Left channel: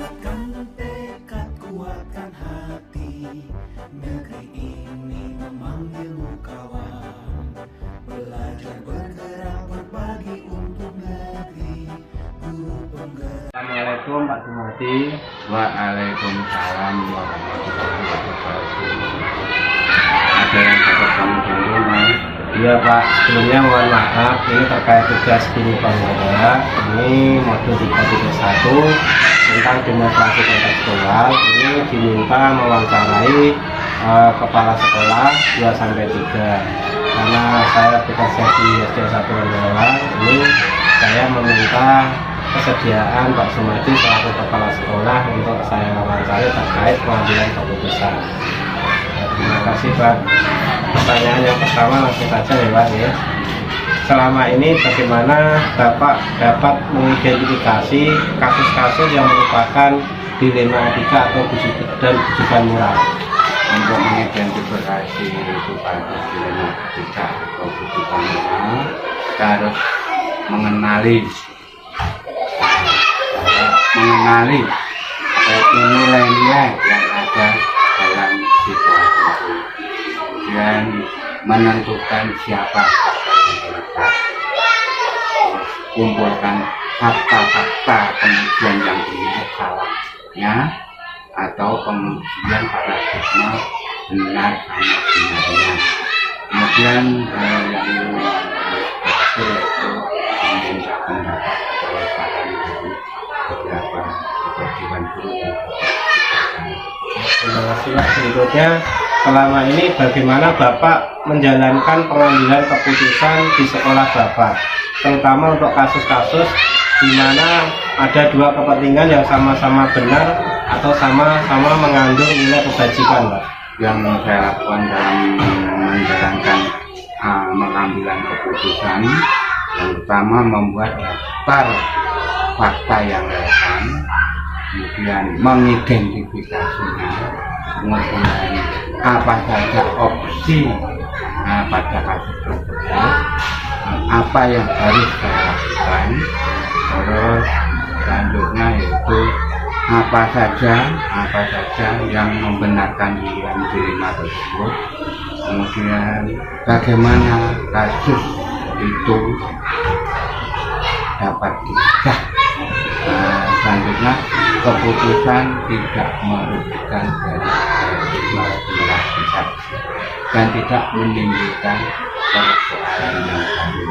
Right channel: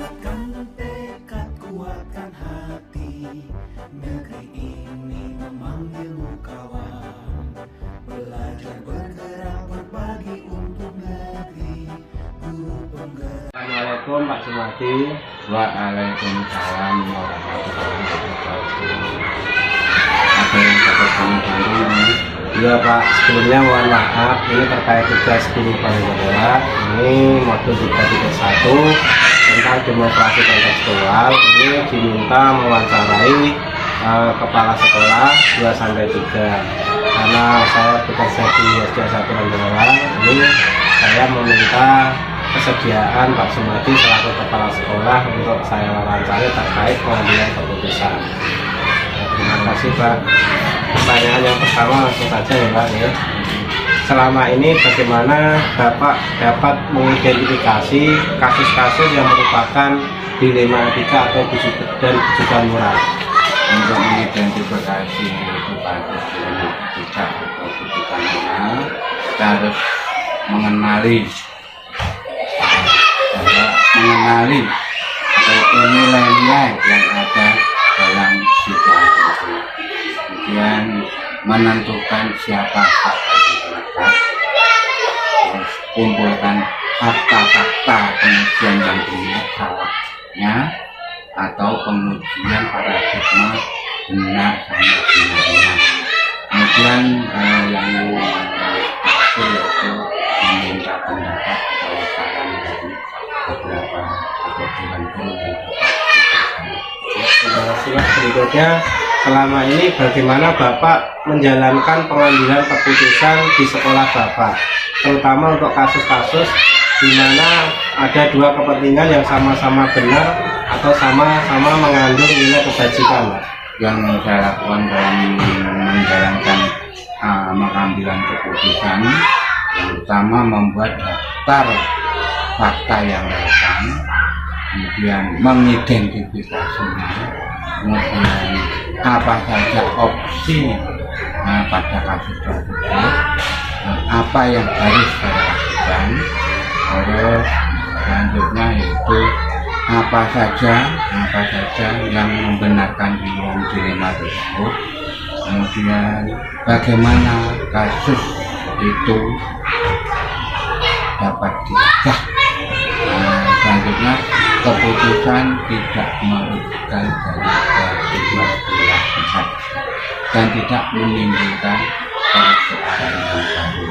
Bulatkan tekad, kuatkan hati. Negeri ini memanggilmu kawan. Belajar bergerak berbagi untuk negeri. Guru penggerak. Assalamualaikum Pak Sumadi. Waalaikumsalam warahmatullahi wabarakatuh. Ada yang dapat kami bantu, Mas? Iya Pak, sebelumnya mohon maaf, ini terkait tugas guru penggerak. Ini modul 331 tentang demonstrasi kontekstual. Ini diminta mewawancarai kepala sekolah 2-3. Karena saya bekerja di SD 1 Rembolang, ini saya meminta kesediaan Pak Sumadi selaku kepala sekolah untuk saya wawancari terkait pengambilan keputusan. Terima kasih Pak. Pertanyaan yang pertama langsung saja ya Pak ya. Selama ini bagaimana Bapak dapat mengidentifikasi kasus-kasus yang merupakan dilema etika atau bujukan moral? Untuk mengidentifikasi itu kasus dilema etika atau bujukan moral, kita harus mengenali nilai-nilai yang ada dalam situasi itu, kemudian menentukan siapa yang terlibat, terus kumpulkan fakta-fakta kemudian yang benar salahnya atau kemudian paradigma benar sama benarnya, kemudian yang berhasil yaitu meminta pendapat atau saran dari beberapa dewan guru yang Terima kasih Pak. Berikutnya, selama ini bagaimana Bapak menjalankan pengambilan keputusan di sekolah Bapak, terutama untuk kasus-kasus di mana ada dua kepentingan yang sama-sama benar atau sama-sama mengandung nilai kebajikan, Pak? Yang saya lakukan dalam menjalankan pengambilan keputusan, yang pertama membuat daftar fakta yang relevan, kemudian mengidentifikasinya, kemudian apa saja opsi pada kasus tersebut, apa yang harus saya lakukan, terus selanjutnya yaitu apa saja yang membenarkan dilema tersebut, kemudian bagaimana kasus itu dapat dicegah. Selanjutnya keputusan tidak merugikan dari kedua belah pihak dan tidak menimbulkan persoalan yang baru.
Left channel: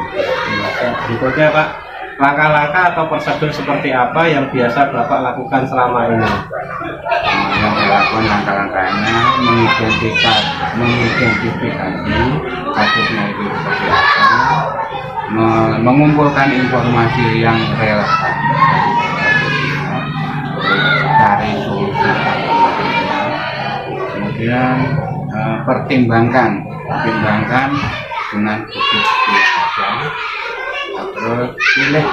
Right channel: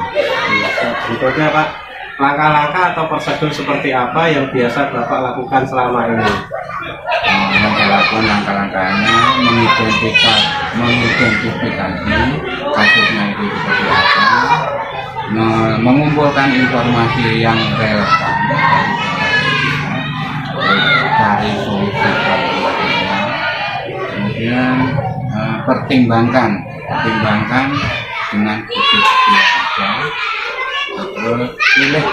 Berikutnya Pak, langkah-langkah atau prosedur seperti apa yang biasa Bapak lakukan selama ini? Yang saya lakukan langkah-langkahnya mengidentifikasi kasusnya itu seperti apa, mengumpulkan informasi yang relevan dari solusi alternatifnya, kemudian pertimbangkan dengan bukti yang ada, terus pilih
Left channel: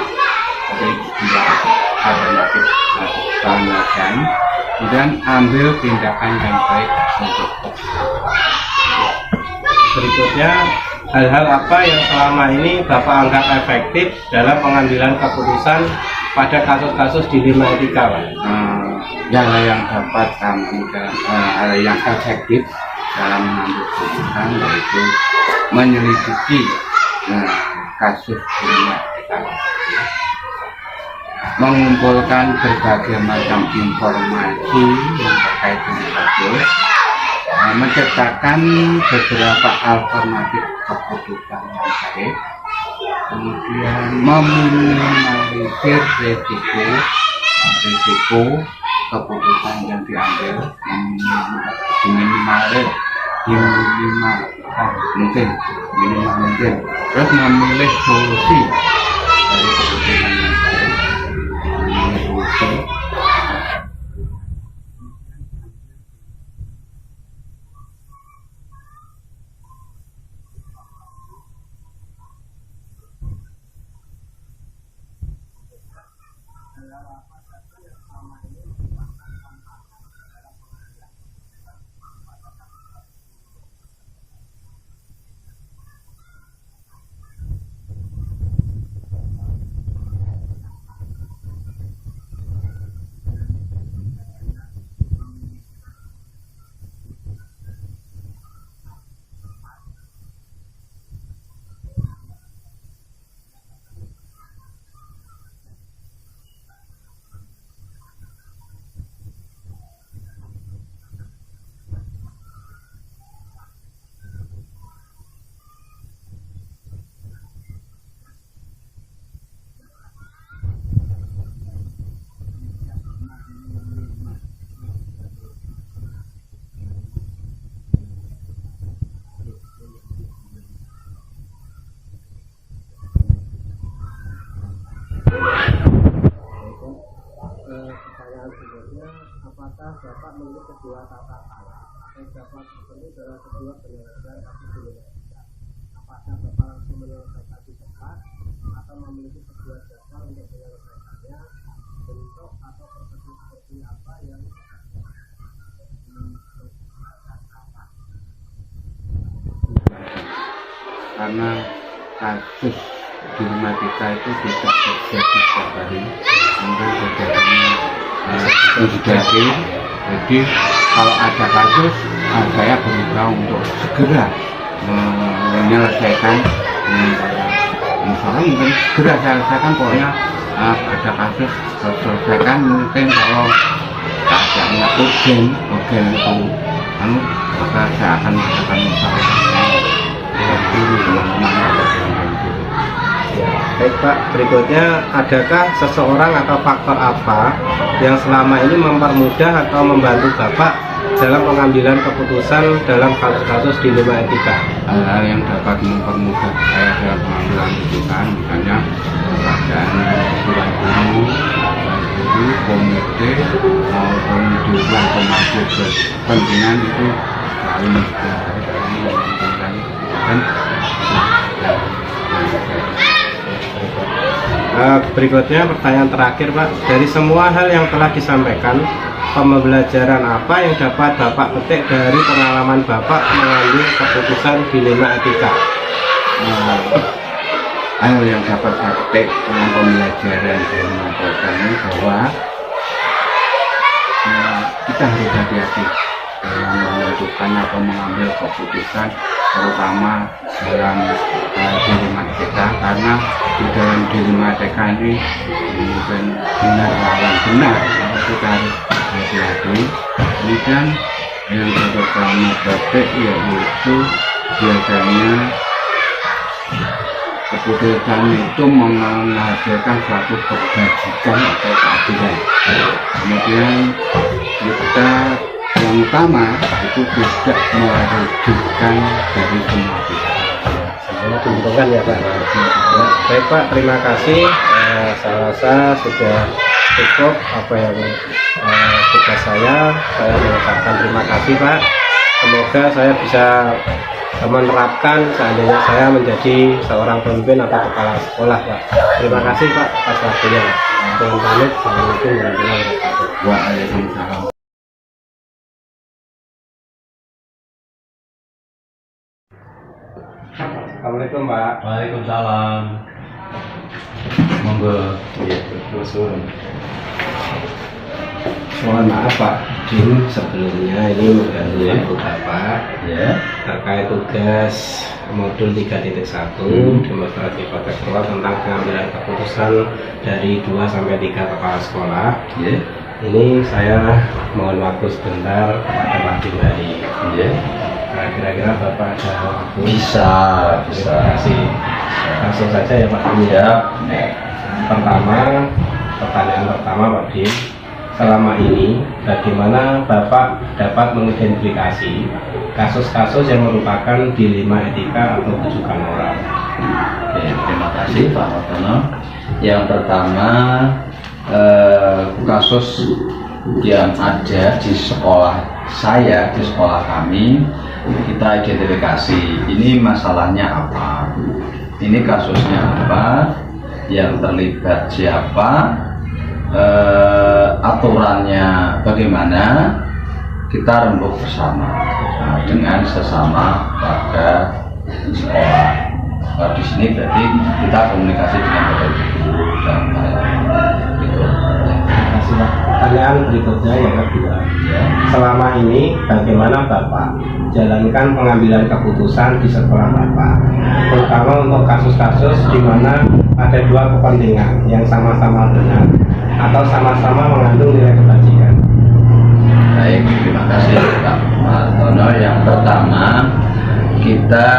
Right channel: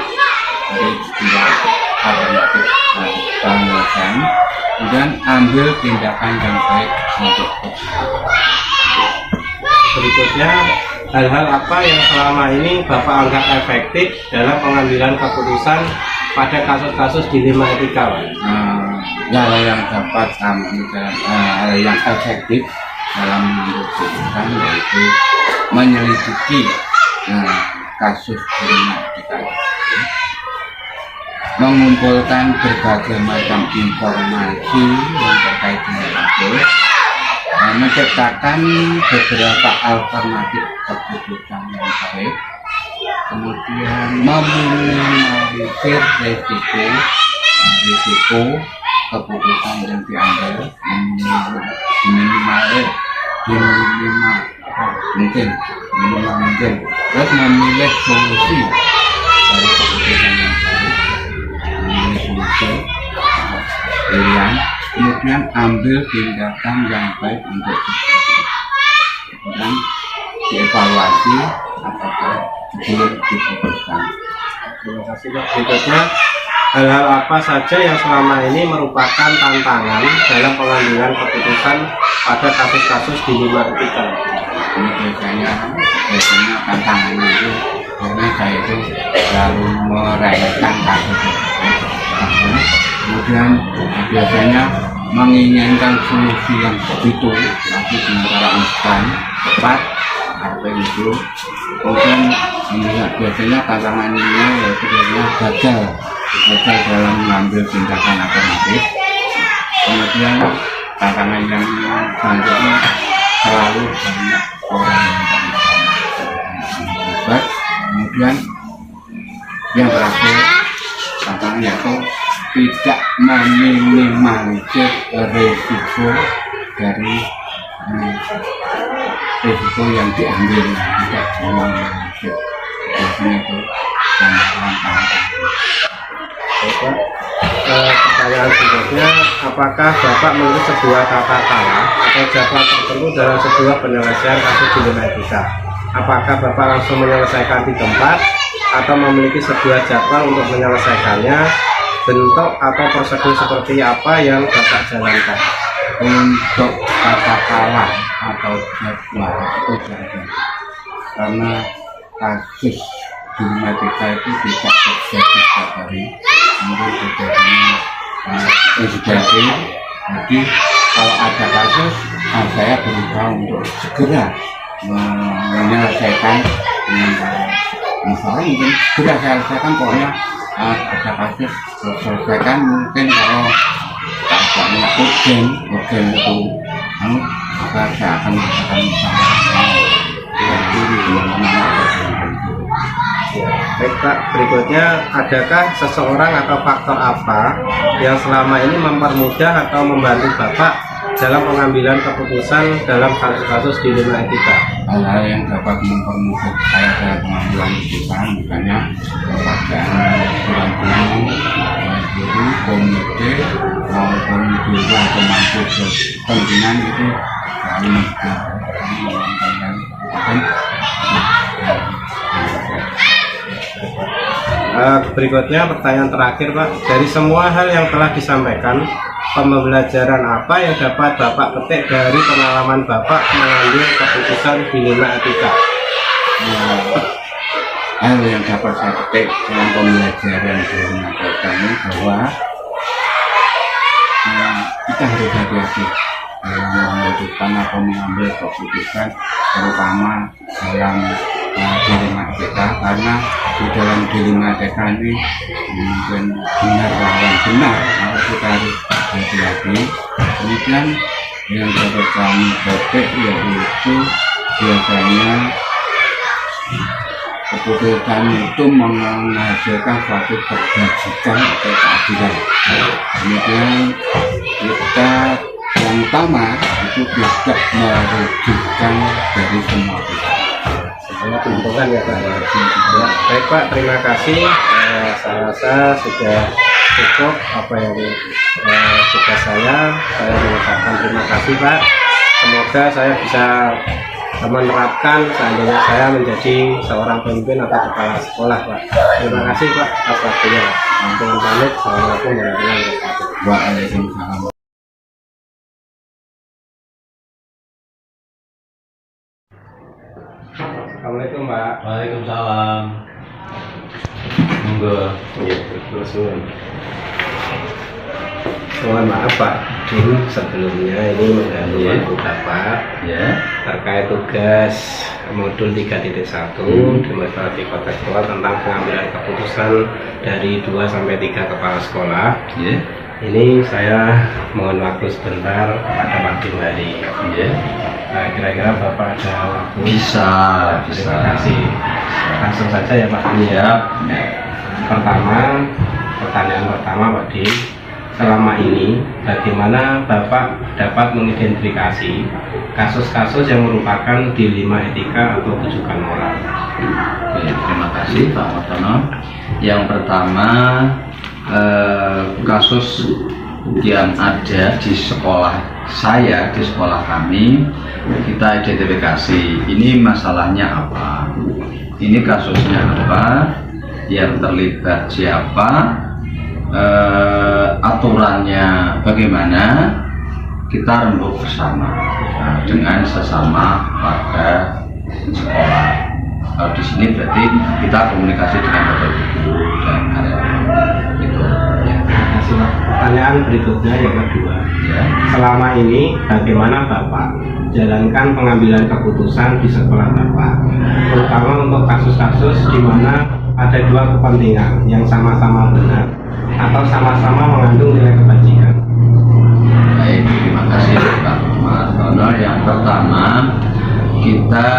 dari dua alternatif banggakan, kemudian ambil tindakan yang baik untuk Berikutnya, hal-hal apa yang selama ini Bapak anggap efektif dalam pengambilan keputusan pada kasus-kasus dilema etika, Pak? Hal yang dapat hal yang efektif dalam mengambil keputusan yaitu menyelidiki kasus dilema etika, mengumpulkan berbagai macam informasi yang terkait dengan kasus, menciptakan beberapa alternatif keputusan yang baik, kemudian meminimalisir risiko keputusan yang diambil, minimal mungkin, terus memilih solusi dari keputusan yang baik, memilih solusi pilihan, kemudian ambil tindakan yang baik untuk kemudian dievaluasi apakah belum diputuskan. Terima kasih Pak. Berikutnya, hal-hal apa saja yang selama ini merupakan tantangan dalam pengambilan keputusan pada kasus-kasus dilema etika? Ini biasanya tantangannya itu karena saya itu selalu meremehkan kasus tersebut, kemudian biasanya menginginkan solusi yang begitu tapi dengan cara instan cepat apa itu, kemudian biasanya tantangannya yaitu gagal dalam mengambil tindakan alternatif. Kemudian tantangan yang selanjutnya selalu banyak orang yang terlibat. Kemudian yang terakhir tantangan yaitu tidak meminimalisir risiko dari risiko yang diambil, tidak meminimalisir. Biasanya itu tantangan. Pertanyaan berikutnya, apakah Bapak melihat sebuah tata cara atau jadwal tertentu dalam sebuah penyelesaian kasus dilema etika? Apakah Bapak langsung menyelesaikan di tempat atau memiliki sebuah jadwal untuk menyelesaikannya? Bentuk atau prosedur seperti apa yang Bapak jalankan? Untuk tata cara atau jadwal itu jarang, karena kasus dilema etika itu tidak terjadi setiap hari, mungkin terjadinya urgensi. Jadi kalau ada kasus, saya berusaha untuk segera menyelesaikan dengan cara misalnya mungkin segera saya selesaikan, pokoknya ada kasus selesaikan. Mungkin kalau keadaannya urgen itu maka saya akan mengatakan misalnya Baik Pak, berikutnya, adakah seseorang atau faktor apa yang selama ini mempermudah atau membantu Bapak dalam pengambilan keputusan dalam kasus-kasus dilema etika? Hal-hal yang dapat mempermudah saya dalam pengambilan keputusan, misalnya keadaan guru, komite maupun dewan pemangku kepentingan itu selalu mendukung saya dalam mengambilkan keputusan. Berikutnya pertanyaan terakhir Pak, dari semua hal yang telah disampaikan, pembelajaran apa yang dapat Bapak petik dari pengalaman Bapak mengambil keputusan dilema etika? Hal yang dapat saya petik dalam pembelajaran dilema etika ini bahwa kita harus hati-hati dalam menentukan atau mengambil keputusan, terutama dalam dilema etika, karena di dalam dilema etika ini mungkin benar lawan benar, maka kita harus hati-hati. Kemudian yang dapat kami petik yaitu biasanya keputusan itu menghasilkan suatu kebajikan atau keadilan. Kemudian kita yang utama itu tidak merugikan dari semua pihak. Semuanya diuntungkan ya Pak. Ya, baik Pak, terima kasih. Saya rasa sudah cukup apa yang tugas saya mengucapkan terima kasih Pak. Semoga saya bisa menerapkan seandainya saya menjadi seorang pemimpin atau kepala sekolah Pak. Terima kasih Pak atas waktunya. Dengan pamit, assalamualaikum warahmatullahi wabarakatuh. Waalaikumsalam. Assalamualaikum Pak. Waalaikumsalam. Monggo. Ya, terus. Mohon maaf Pak, dulu sebelumnya ini mengganggu waktu Bapak terkait tugas modul 3.1 demonstrasi kontekstual tentang pengambilan keputusan dari 2 sampai 3 kepala sekolah. Ini saya mohon waktu sebentar kepada Pak Bimali. Kira-kira Bapak ada waktu? Bisa. Terima kasih. Langsung saja ya Pak. Pertanyaan pertama Pak Dim, selama ini bagaimana Bapak dapat mengidentifikasi kasus-kasus yang merupakan dilema etika atau rujukan moral? Terima kasih Pak Wartono. Yang pertama, kasus yang ada di sekolah saya, di sekolah kami, kita identifikasi ini masalahnya apa, ini kasusnya apa, yang terlibat siapa, aturannya bagaimana, kita rembuk bersama dengan sesama warga sekolah. Di sini berarti kita komunikasi dengan bapak guru dan karyawan. Gitu. Ya. Terima kasih Pak. pertanyaan berikutnya yang kedua. Ya. Selama ini bagaimana Bapak jalankan pengambilan keputusan di sekolah Bapak, terutama untuk kasus-kasus di mana ada dua kepentingan yang sama-sama benar atau sama-sama mengandung nilai kebajikan? Baik, terima kasih Pak Martono. Yang pertama, kita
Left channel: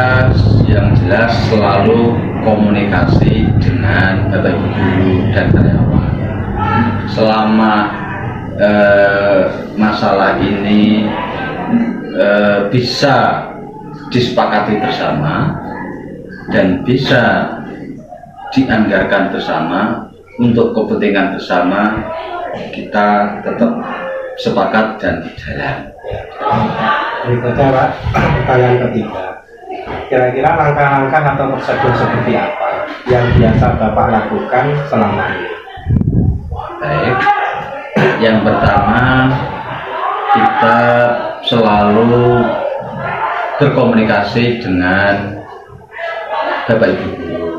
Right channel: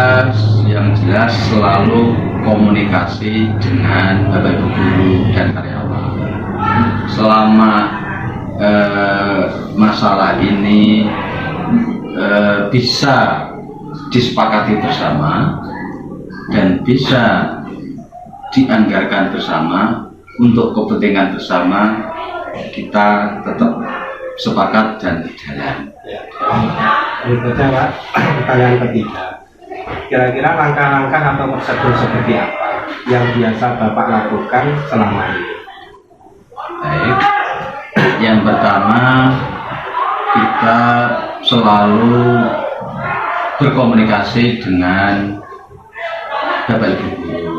yang jelas selalu komunikasi dengan Bapak Ibu guru dan karyawan. Selama masalah ini bisa disepakati bersama dan bisa dianggarkan bersama untuk kepentingan bersama, kita tetap sepakat dan jalan. Berikutnya Pak, pertanyaan ketiga. Kira-kira langkah-langkah atau prosedur seperti apa yang biasa Bapak lakukan selama ini? Baik, yang pertama, kita selalu berkomunikasi dengan Bapak Ibu guru.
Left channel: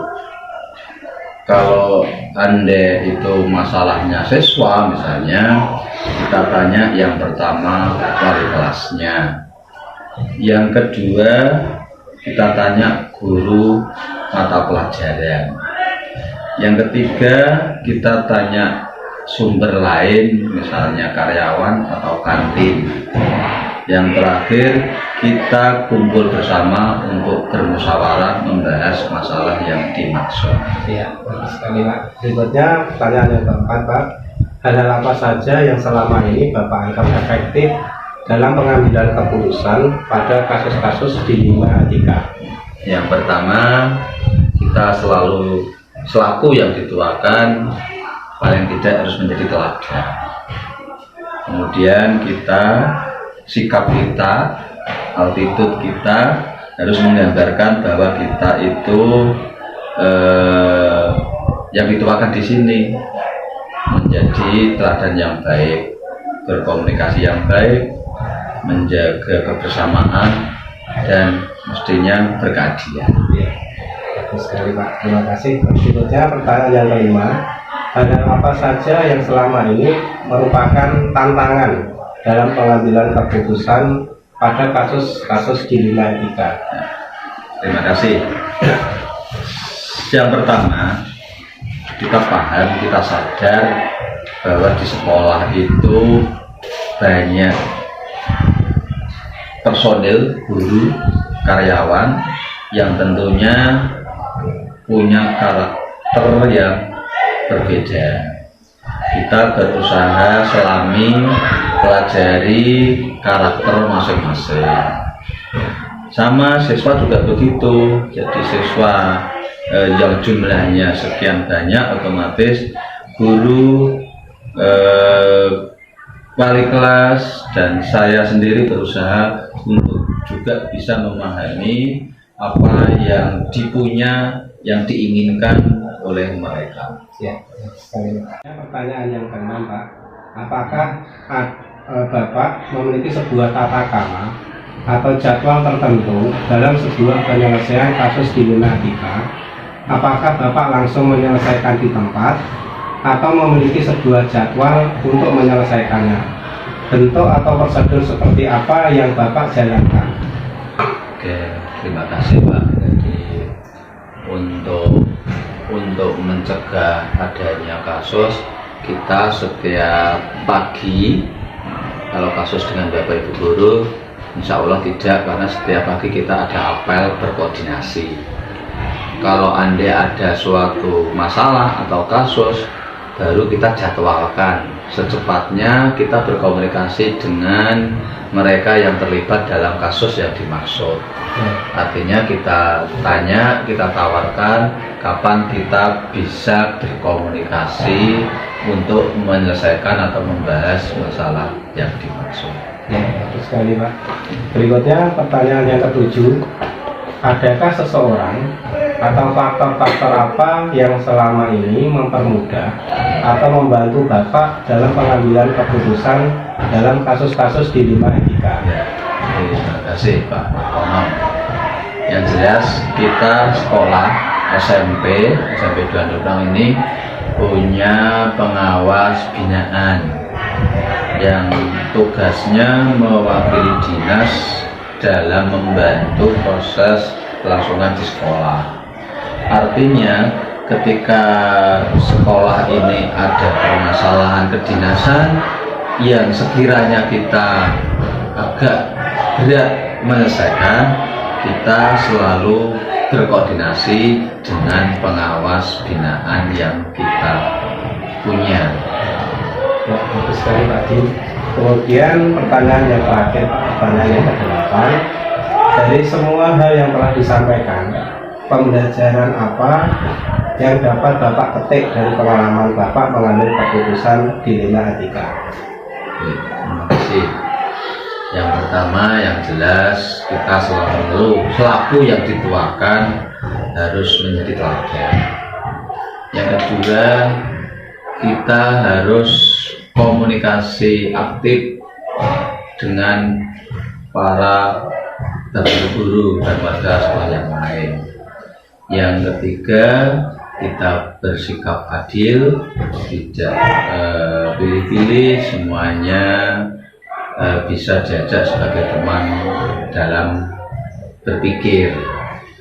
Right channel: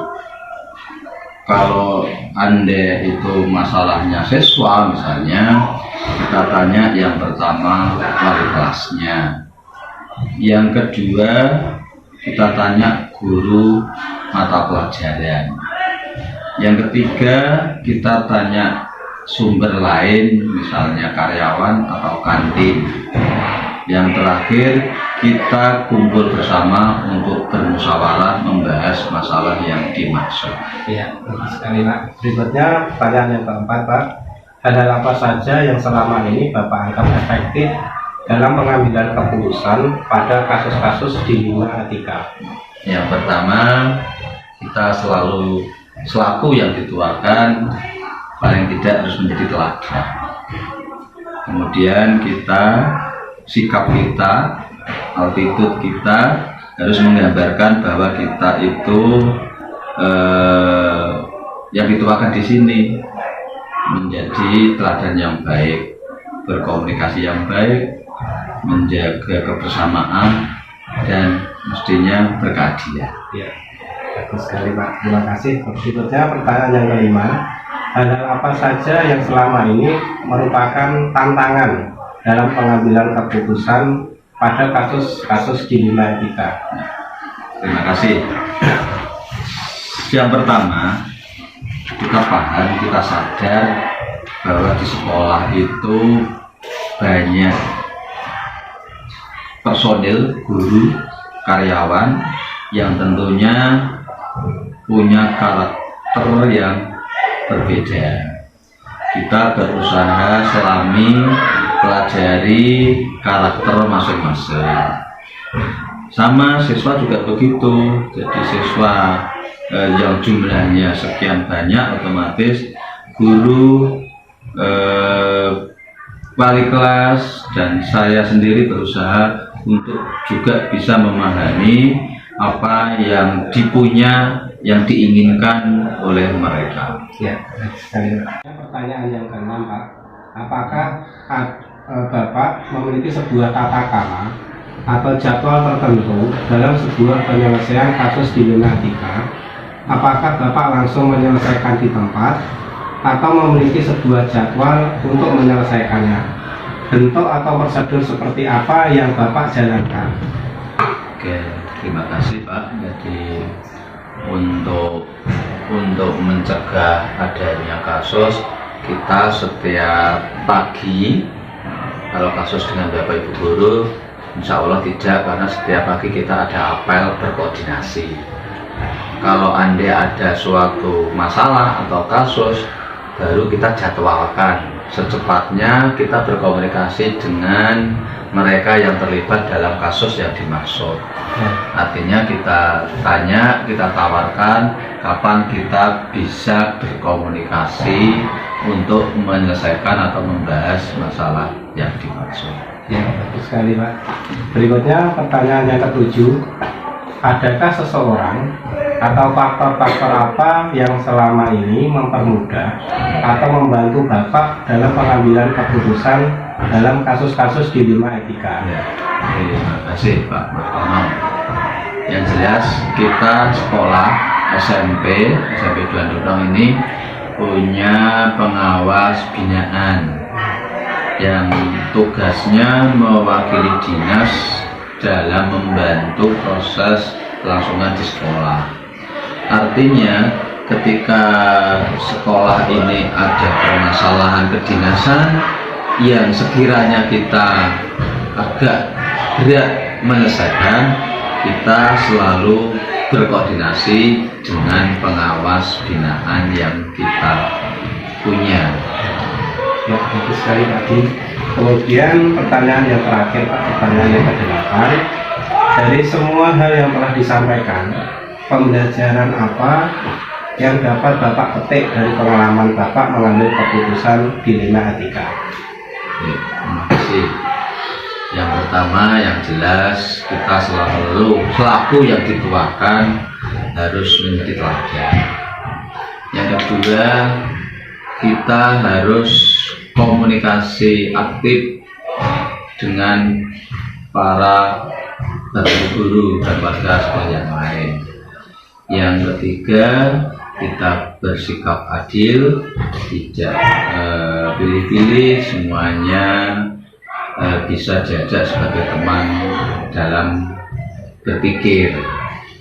Kalau Anda itu masalahnya siswa misalnya, kita tanya yang pertama wali kelasnya, yang kedua kita tanya guru mata pelajaran, yang ketiga kita tanya sumber lain misalnya karyawan atau kantin, yang terakhir kita kumpul bersama untuk bermusyawarah membahas masalah yang dimaksud. Iya, bagus sekali Pak. Berikutnya pertanyaan yang keempat Pak. Hal-hal apa saja yang selama ini Bapak anggap efektif dalam pengambilan keputusan pada kasus-kasus di Lima Etika? Yang pertama, kita selalu selaku yang dituakan paling tidak harus menjadi teladan. Kemudian sikap kita, attitude kita harus menggambarkan bahwa kita itu yang dituakan di sini menjadi teladan yang baik, berkomunikasi yang baik, menjaga kebersamaan, dan mestinya berkeadilan. Ya, bagus sekali Pak. Terima kasih. Berikutnya pertanyaan yang kelima. Hal apa saja yang selama ini merupakan tantangan dalam pengambilan keputusan pada kasus-kasus di Lima Etika? Terima kasih. Yang pertama, kita paham, kita sadar bahwa di sekolah itu banyak personil, guru, karyawan yang tentunya punya karakter yang berbeda. Kita berusaha selami pelajari karakter masing-masing. Sama siswa juga begitu. Jadi siswa yang jumlahnya sekian banyak, otomatis guru, wali kelas, dan saya sendiri berusaha untuk juga bisa memahami apa yang yang diinginkan oleh mereka. Ya, sekali Pak. Pertanyaan yang keenam Pak, apakah Bapak memiliki sebuah tata krama atau jadwal tertentu dalam sebuah penyelesaian kasus di Lima Etika? Apakah Bapak langsung menyelesaikan di tempat atau memiliki sebuah jadwal untuk menyelesaikannya? Bentuk atau prosedur seperti apa yang Bapak jalankan? Oke, terima kasih Pak. Jadi untuk mencegah adanya kasus, kita setiap pagi, kalau kasus dengan Bapak Ibu guru, insya Allah tidak, karena setiap pagi kita ada apel berkoordinasi. Kalau Anda ada suatu masalah atau kasus, baru kita jadwalkan. Secepatnya kita berkomunikasi dengan mereka yang terlibat dalam kasus yang dimaksud. Artinya kita tanya, kita tawarkan kapan kita bisa berkomunikasi untuk menyelesaikan atau membahas masalah yang dimaksud. Ya, bagus sekali Pak. Berikutnya pertanyaan yang ketujuh. Adakah seseorang atau faktor-faktor apa yang selama ini mempermudah atau membantu Bapak dalam pengambilan keputusan dalam kasus-kasus di Lima Etika? Ya, terima kasih Pak Martono. Yang jelas kita sekolah SMP 2 Ndukrong ini punya pengawas binaan yang tugasnya mewakili dinas dalam membantu proses kelangsungan di sekolah. Artinya ketika sekolah ini ada permasalahan kedinasan yang sekiranya kita agak berat menyelesaikan, kita selalu berkoordinasi dengan pengawas binaan yang kita punya. Ya, bagus sekali Pak Di. Kemudian pertanyaan yang terakhir Pak, pertanyaan yang ke-8. Dari semua hal yang telah disampaikan, pembelajaran apa yang dapat Bapak petik dari pengalaman Bapak mengambil keputusan dilema etika? Oke, terima kasih. Yang pertama, yang jelas kita selaku yang dituakan harus menjadi teladan. Yang kedua, kita harus komunikasi aktif dengan para guru dan warga sekolah yang lain. Yang ketiga, kita bersikap adil, tidak pilih-pilih, semuanya bisa diajak sebagai teman dalam berpikir.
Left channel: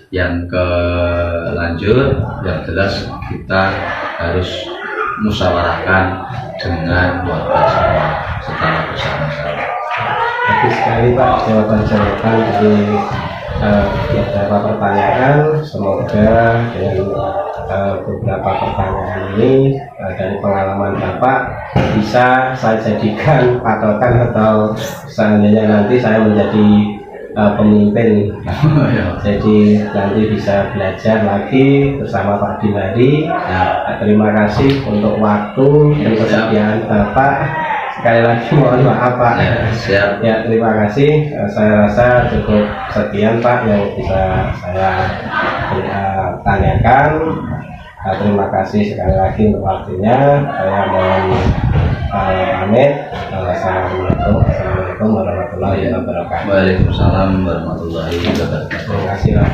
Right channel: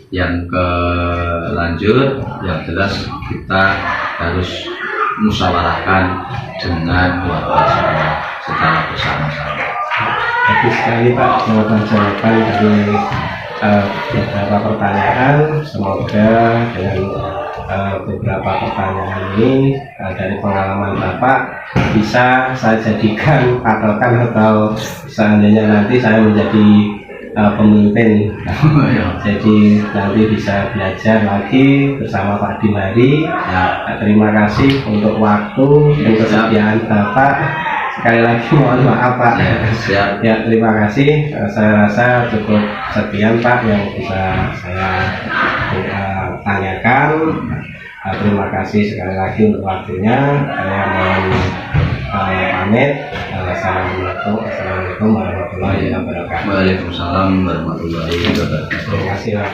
Yang kelanjut, yang jelas kita harus musyawarahkan dengan warga secara bersama-sama. Bagus sekali Pak jawaban-jawaban dari beberapa pertanyaan. Semoga dengan beberapa pertanyaan ini dari pengalaman Bapak bisa saya jadikan patokan, atau seandainya nanti saya menjadi pemimpin, jadi nanti bisa belajar lagi bersama Pak Dimari. Terima kasih untuk waktu dan kesediaan Bapak. Sekali lagi mohon maaf Pak. Siap. Ya, terima kasih. Saya rasa cukup sekian Pak yang bisa saya tanyakan. Terima kasih sekali lagi untuk waktunya. Saya mohon pamit. Assalamualaikum warahmatullahi wabarakatuh. Waalaikumsalam warahmatullahi wabarakatuh. Terima kasih Pak.